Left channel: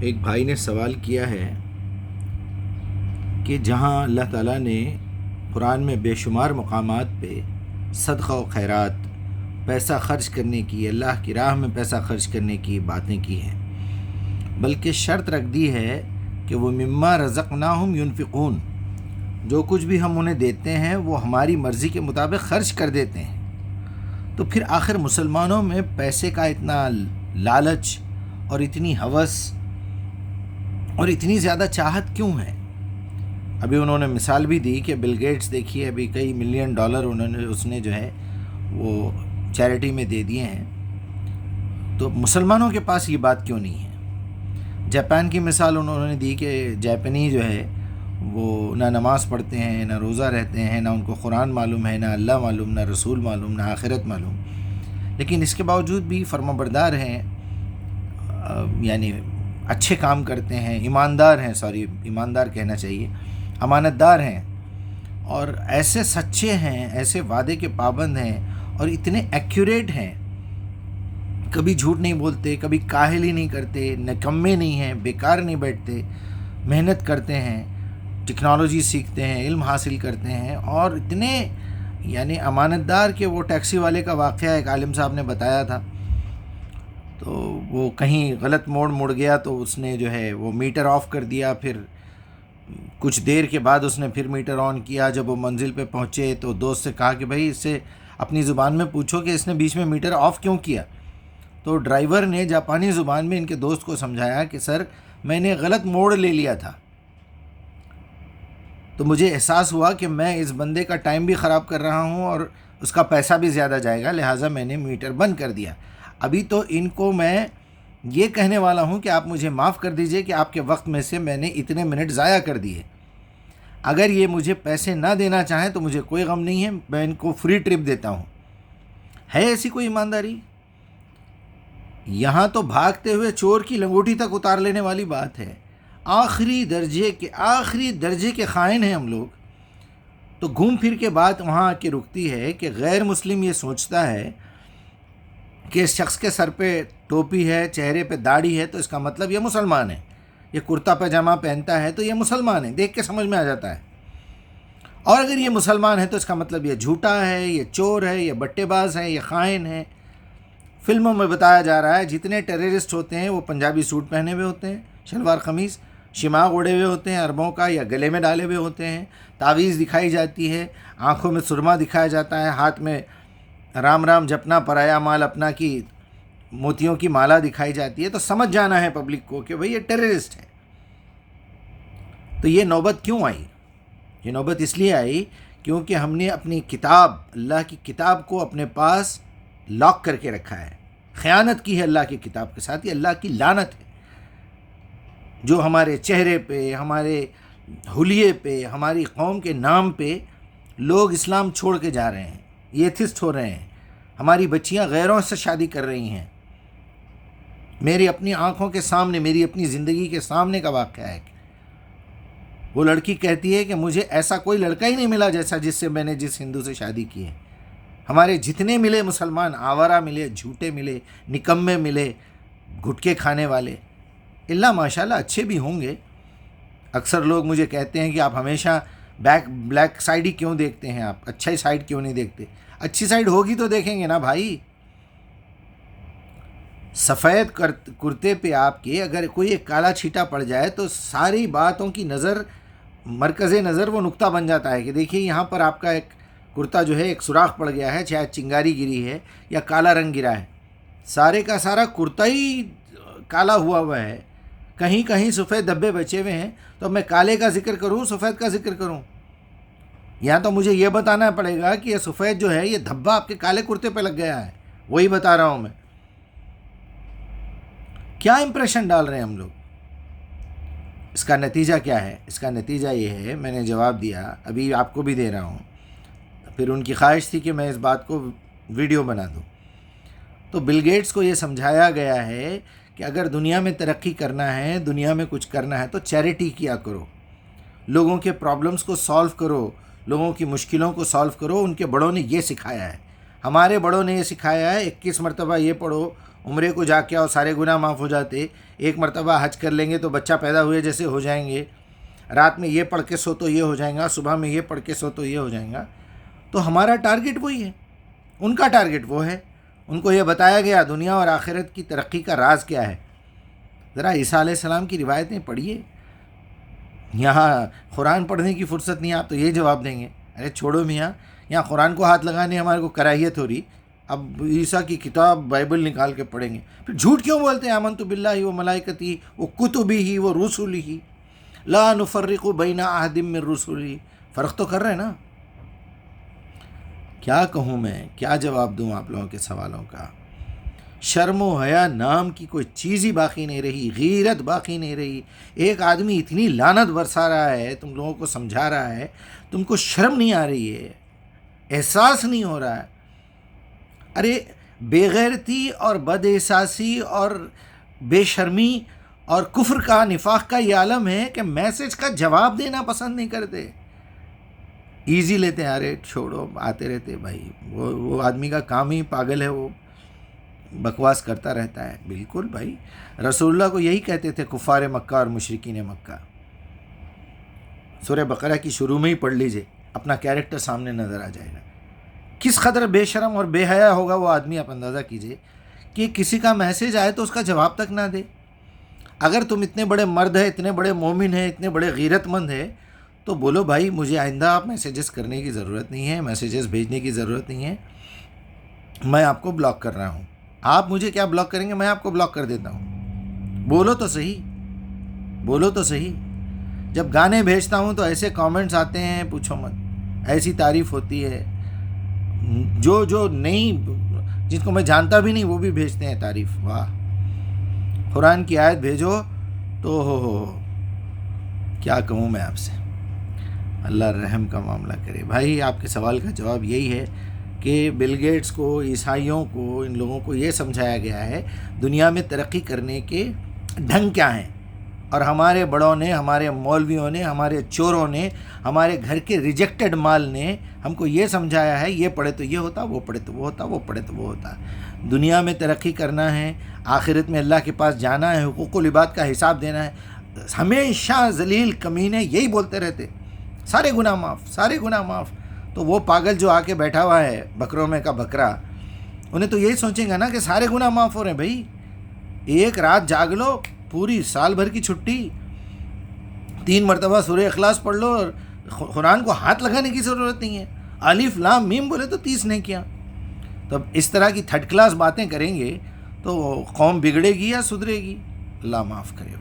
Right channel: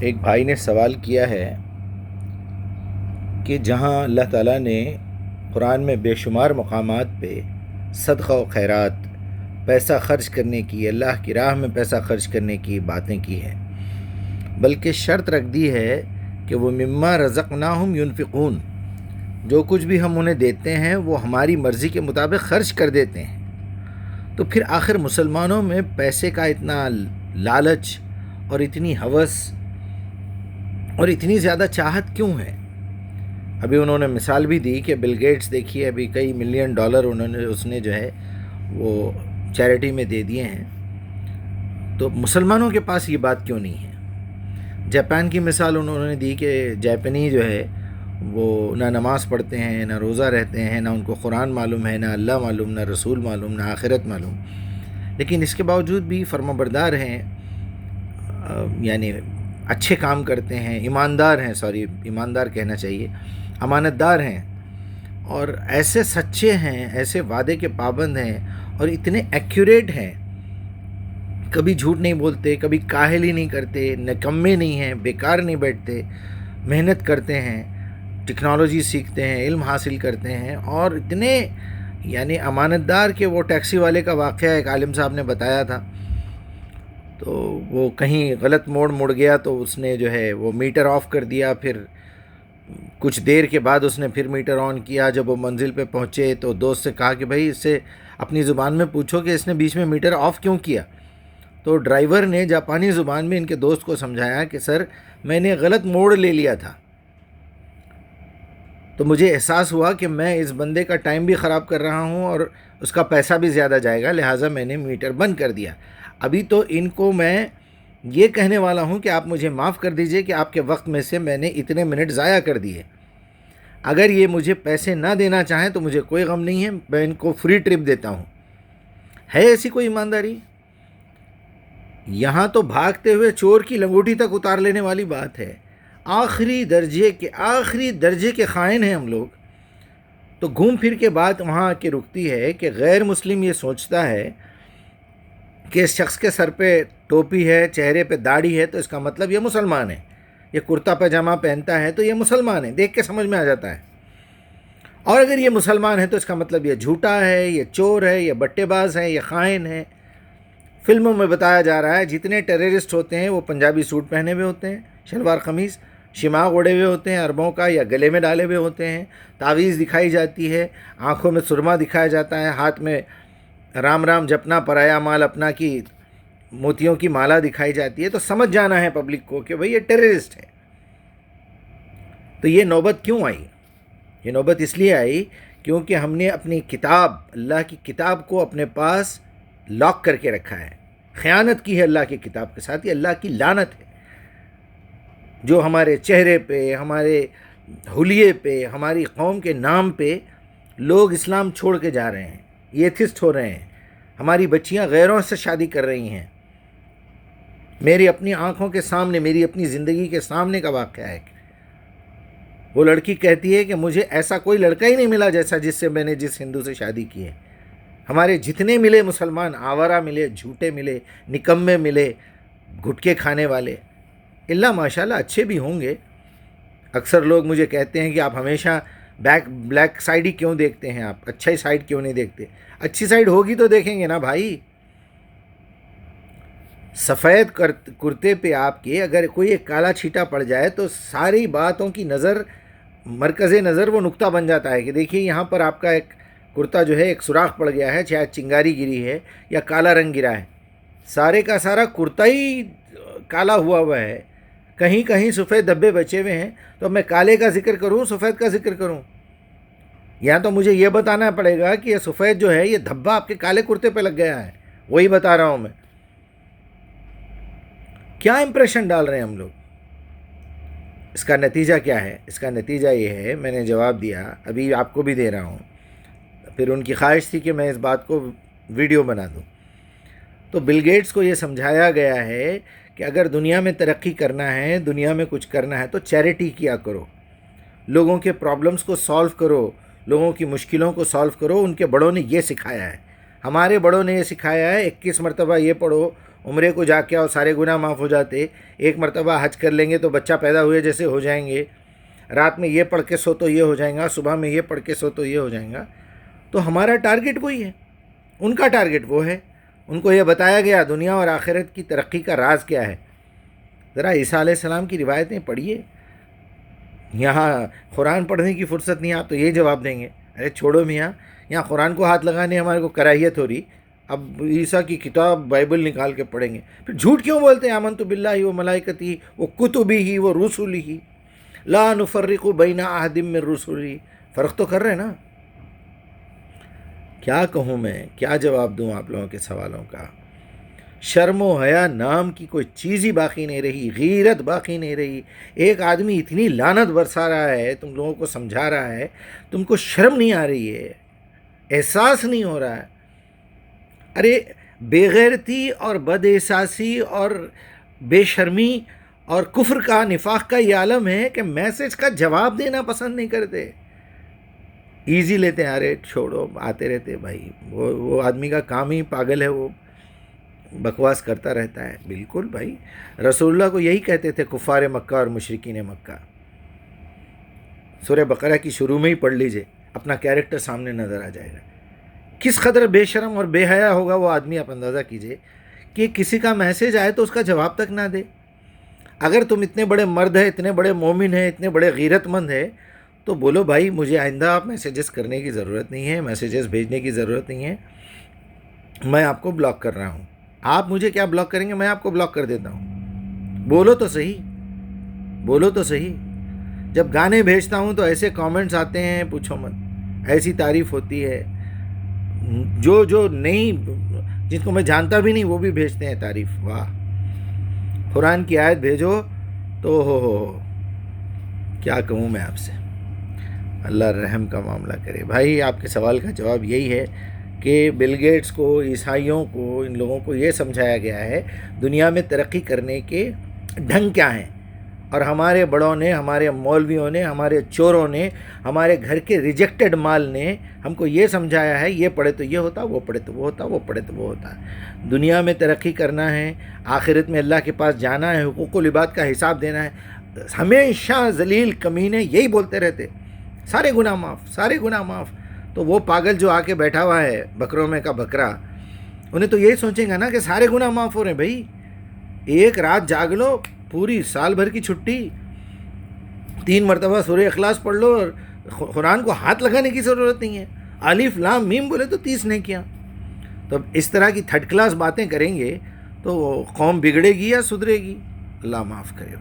ایک بھائی نے سوال کیا ہے کہ جہاں اللہ تعالیٰ نے قرآن میں بے شمار مقامات پہ صدقہ و خیرات، پیسہ خرچ کرنے کی، اللہ کی راہ میں پیسہ خرچ کرنے کی باتیں کی ہیں، بلکہ شرط رکھ دی ہے کہ وہ مما رزقناہم ینفقون، جو کچھ بھی ہم انہیں دیتے ہیں وہ ہماری مرضی کے مطابق خرچ کر دیتے ہیں۔ تو پھر آخر مسلمانوں میں پیسے کا اتنا لالچ اور اتنی ہوس اور اتنی زیادہ چاہت کیوں ہے؟ ابھی انہوں نے مثال بھی دی کہ بل گیٹس دیکھیے ابھی کئی ملین ڈالر اس نے جو ہے وہ چیریٹی میں دے دیے ہیں، تو مسلمانوں کے پاس یہ بات کیوں نہیں ہے؟ جاپان کی مثال انہوں نے دی کہ جاپنی جو ہے وہ نہ نماز پڑھتے ہیں، نہ روزہ رہتے ہیں، نہ ان کو قرآن معلوم ہے، نہ اللہ معلوم، نہ رسول معلوم، نہ آخرت معلوم، لیکن اس کے باوجود بھی فرما بردار ہیں، یعنی اچھے کام کرتے ہیں، ایماندار کہنا چاہیے، امانت دار ہیں، اور ایسے سچے ہیں، ایسے وعدے کے پابند ہیں، اور اتنے ایکوریٹ ہیں، کبھی جھوٹ نہیں بولتے، کبھی کاہل ہی نہیں کرتے، نکمے نہیں ہیں، بیکار نہیں بیٹھتے، محنت کرتے ہیں، ٹیکنالوجی سیکھتے ہیں، علم حاصل کرتے ہیں، اور اتنے یعنی امانت دار کہ وہ ٹیکسی والے کا واقعہ ایک عالم صاحب نے بتایا تھا، تو وہ کہیں غلط موڑ مڑ گیا تو اس نے جو ہے وہ میٹر آف کر دیا، پھر کچھ دیر کے بعد اس نے پھر میٹر آن کیا، جب وہ منزل پہ پہنچے تو دوست سے کہا کہ بھائی اس سے اپنی زبان میں پوچھو کہ اس نے بیچ میں میٹر آف کیوں کیا؟ تو ڈرائیور نے جاپانی زبان میں ان کے دوست کو سمجھایا کہ سر میں نے غلط موڑ لے لیا تھا، تو مجھے احساس ہوا کہ میں اس بندے کا ٹائم بھی خراب کر رہا ہوں اور اس کا پیسہ بھی زیادہ جائے گا، لہٰذا میں نے میٹر بند کر دیا۔ ابھی تو ان کو میں یہ کہنے والا ہوں کہ آپ مجھے معاف کر دیجئے کہ آپ کے وقت میں سے میں نے اتنے منٹ ضائع کر دیے، اگر یہ مجھے پیسے نہ دینا چاہیں تو مجھے کوئی غم نہیں ہے، میں ان کو فری ٹرپ دیتا ہوں۔ ہے ایسی کوئی ایمانداری؟ یہاں تو بھاگتے ہوئے چور کی لنگوٹی تک اتار لینے والی بات ہے، آخری درجے کے خائن ہیں ہم لوگ۔ تو گھوم پھر کے بات وہاں آ کے رکتی ہے کہ غیر مسلم یہ سوچتا ہے کہ اس شخص کے سر پہ ٹوپی ہے، چہرے پہ داڑھی ہے تو اس کا مطلب یہ مسلمان ہے، یہ کرتا پاجامہ پہنتا ہے تو یہ مسلمان ہے، دیکھ کے سمجھ میں آ جاتا ہے، اور اگر یہ مسلمان ہے تو اس کا مطلب یہ جھوٹا ہے، یہ چور ہے، یہ بٹے باز ہے، یہ خائن ہے۔ فلموں میں بتایا جا رہا ہے جتنے ٹیررسٹ ہوتے ہیں وہ پنجابی سوٹ پہنے ہوئے ہوتے ہیں، شلوار قمیض، شماغ اوڑے ہوئے ہوتے ہیں عربوں کا یا گلے میں ڈالے ہوئے ہوتے ہیں، تعویذ دکھائی جاتی ہے، آنکھوں میں سرما دکھایا جاتا ہے، ہاتھ میں رام رام جپنا پرایا مال اپنا کی موتیوں کی مالا دکھائی جاتی ہے، تو سمجھ جانا ہے پبلک کو کہ بھئی یہ ٹیررسٹ ہے۔ تو یہ نوبت کیوں آئی؟ یہ نوبت اس لیے آئی کیونکہ ہم نے اپنی کتاب، اللہ کی کتاب کو اپنے پاس لاک کر کے رکھا ہے، خیانت کی ہے اللہ کی کتاب کے ساتھ، یہ اللہ کی لعنت ہے، جو ہمارے چہرے پہ، ہمارے حلیے پہ، ہماری قوم کے نام پہ لوگ اسلام چھوڑ کے جا رہے ہیں، ایتھسٹ ہو رہے ہیں، ہماری بچیاں غیروں سے شادی کر رہی ہیں۔ میری اپنی آنکھوں کے سامنے، میری اپنی زندگی کے سامنے کا واقعہ ہے۔ وہ لڑکی کہتی ہے کہ مجھے ایسا کوئی لڑکا ہی نہیں ملا جس سے میں نے جس ہندو سے شادی کی ہے۔ ہمارے جتنے ملے مسلمان، آورہ ملے، جھوٹے ملے، نکمے ملے، گھٹکے کھانے والے، اللہ ماشاءاللہ اچھے بھی ہوں گے۔ اکثر لوگ مجھے کہتے ہیں کہ آپ ہمیشہ بلیک سائڈ ہی کیوں دیکھتے ہیں، آپ اچھا سائڈ کیوں نہیں دیکھتے؟ اچھی سائڈ ہوگی تو دیکھیں گے نا بھائی۔ سفید کرتے پہ آپ کے اگر کوئی ایک کالا چھیٹا پڑ جائے تو ساری باتوں کی مرکز نظر وہ نقطہ بن جاتا ہے کہ دیکھیے یہاں پر آپ کا ایک کرتا جو ہے ایک سوراخ پڑ گیا ہے، چاہے چنگاری گری ہے یا کالا رنگ گرا ہے، سارے کا سارا کرتا ہی کالا ہوا ہے، کہیں کہیں سفید دھبے بچے ہوئے ہیں، تو میں کالے کا ذکر کروں سفید کا ذکر کروں؟ یہاں تو مجھے یہ بتانا پڑے گا کہ یہ سفید جو ہے یہ دھبا آپ کے کالے کرتے پہ لگ گیا ہے، وہی بتا رہا ہوں میں۔ کیا امپریشن ڈال رہے ہیں ہم لوگ؟ اس کا نتیجہ کیا ہے؟ اس کا نتیجہ یہ ہے، میں نے جواب دیا، ابھی آپ کو بھی دے رہا ہوں، پھر ان کی خواہش تھی کہ میں اس بات کو ویڈیو بنا دوں۔ تو بل گیٹس کو یہ سمجھایا گیا ہے کہ اگر دنیا میں ترقی کرنا ہے، دنیا میں کچھ کرنا ہے تو چیریٹی کیا کرو، لوگوں کے پرابلمز کو سالو کرو، لوگوں کی مشکلوں کو سالو کرو، ان کے بڑوں نے یہ سکھایا ہے۔ ہمارے بڑوں نے یہ سکھایا ہے 21 مرتبہ یہ پڑھو، عمرے کو جا کے آؤ سارے گناہ معاف ہو جاتے، ایک مرتبہ حج کر لیں گے تو بچہ پیدا ہوئے جیسے ہو جائیں گے، رات میں یہ پڑھ کے سو تو یہ ہو جائیں گا، صبح میں یہ پڑھ کے سو تو یہ ہو جائیں گا۔ تو ہمارا ٹارگٹ وہی ہے، ان کا ٹارگٹ وہ ہے۔ ان کو یہ بتایا گیا دنیا اور آخرت کی ترقی کا راز کیا ہے۔ ذرا عیسیٰ علیہ السلام کی روایتیں پڑھیے، یہاں قرآن پڑھنے کی فرصت نہیں، آپ تو یہ جواب دیں گے ارے چھوڑو میاں، یہاں قرآن کو ہاتھ لگانے ہمارے کو کراہیت ہو رہی، اب عیسیٰ کی کتاب بائبل نکال کے پڑھیں گے۔ پھر جھوٹ کیوں بولتے ہیں آمنت باللہ و ملائکتہ و کتبہ و رسلہ لا نفرق بین احد من رسلہ، فرق تو کر رہے ہیں نا۔ کیا کہوں میں، کیا جواب دوں آپ لوگوں کے سوالوں کا؟ شرم و حیا نام کی کوئی چیز ہی باقی نہیں رہی، غیرت باقی نہیں رہی۔ ایک آدمی اتنی لعنت برسا رہا ہے، تم لوگوں کو سمجھا رہا ہے، تم کو شرم نہیں آ رہی ہے، احساس نہیں ہو رہا ہے۔ ارے بے غیرتی اور بد احساسی اور بے شرمی اور کفر کا، نفاق کا یہ عالم ہے کہ میسج کا جواب دینا پسند نہیں کرتے، ایزی لیتے ہیں، ارے چھوڑو آتے رہتے بھائی، وہ آدمی کا کام ہی پاگل ہے، وہ بکواس کرتا رہتا ہے۔ بالکل بھائی، رسول اللہ کو یہی کہتے تھے کفار مکہ اور مشرکین مکہ۔ سورہ بقرہ کی شروع میں ہی پڑھ لیجئے، اپنا کیریکٹر سامنے نظر آ جائے گا۔ کس قدر بے شرم اور بے حیا ہوگا وہ آدمی، آپ اندازہ کیجئے کہ کسی کا میسج آئے تو اس کا جواب تک نہ دے۔ اگر تم اتنے بڑے مرد ہیں، اتنے بڑے مومن ہیں، اتنے بڑے غیرت مند ہیں، تو بولو بھائی مجھے آئندہ آپ میسیجز کرنے کی ضرورت نہیں ہے، میسیجز بھیجنے کی ضرورت نہیں ہے، میں آپ کو بلاک کر رہا ہوں۔ آپ مجھے کیا بلاک کریں گے، میں آپ کو بلاک کر دیتا ہوں۔ بولو تو صحیح، بولو تو صحیح۔ جب گانے بھیجتا ہوں تو ایسے کامنٹس آتے ہیں پوچھو مت، ایسی تعریف ہوتی ہے، جو نہیں، جن کو میں جانتا بھی نہیں وہ بھی بھیجتے ہیں تعریف۔ واہ، قرآن کی آیت بھیجو تو ہو کیا کہوں میں آپ سے، اللہ رحم کا معاملہ کرے۔ بھائی آپ کے سوال کا جواب یہی ہے کہ بل گیٹس کو، عیسائیوں کو، ان لوگوں کو یہ سمجھایا گیا ہے دنیا میں ترقی کرنے کے ڈھنگ کیا ہیں، اور ہمارے بڑوں نے، ہمارے مولویوں نے، ہمارے چوروں نے، ہمارے گھر کے ریجیکٹڈ مال نے ہم کو یہ سمجھایا ہے یہ پڑھے تو یہ ہوتا، وہ پڑھے تو وہ ہوتا، وہ پڑھے تو وہ ہوتا۔ دنیا میں ترقی کرنا ہے، آخرت میں اللہ کے پاس جانا ہے، حقوق العباد کا حساب دینا ہے، ہمیشہ ذلیل کمینے یہی بولتے رہتے، سارے گناہ معاف، سارے گناہ معاف۔ تو وہ پاگل جو آ کے بیٹھا ہوا ہے بکروں میں کا بکرا، انہیں تو یہی سوچیں گا نا کہ سارے گناہ معاف ہو رہے ہیں۔ بھائی ایک رات جاگ لو، پوری سال بھر کی چھٹی، 3 مرتبہ سورہ اخلاص پڑھ لو، قرآن کو ہاتھ لگانے کی ضرورت نہیں ہے، الف لام میم بولے تو 30 نہیں کیا۔ تو اس طرح کی تھرڈ کلاس باتیں کریں گے تو قوم بگڑے گی یا سدھرے گی؟ اللہ معاف کرے بھائی۔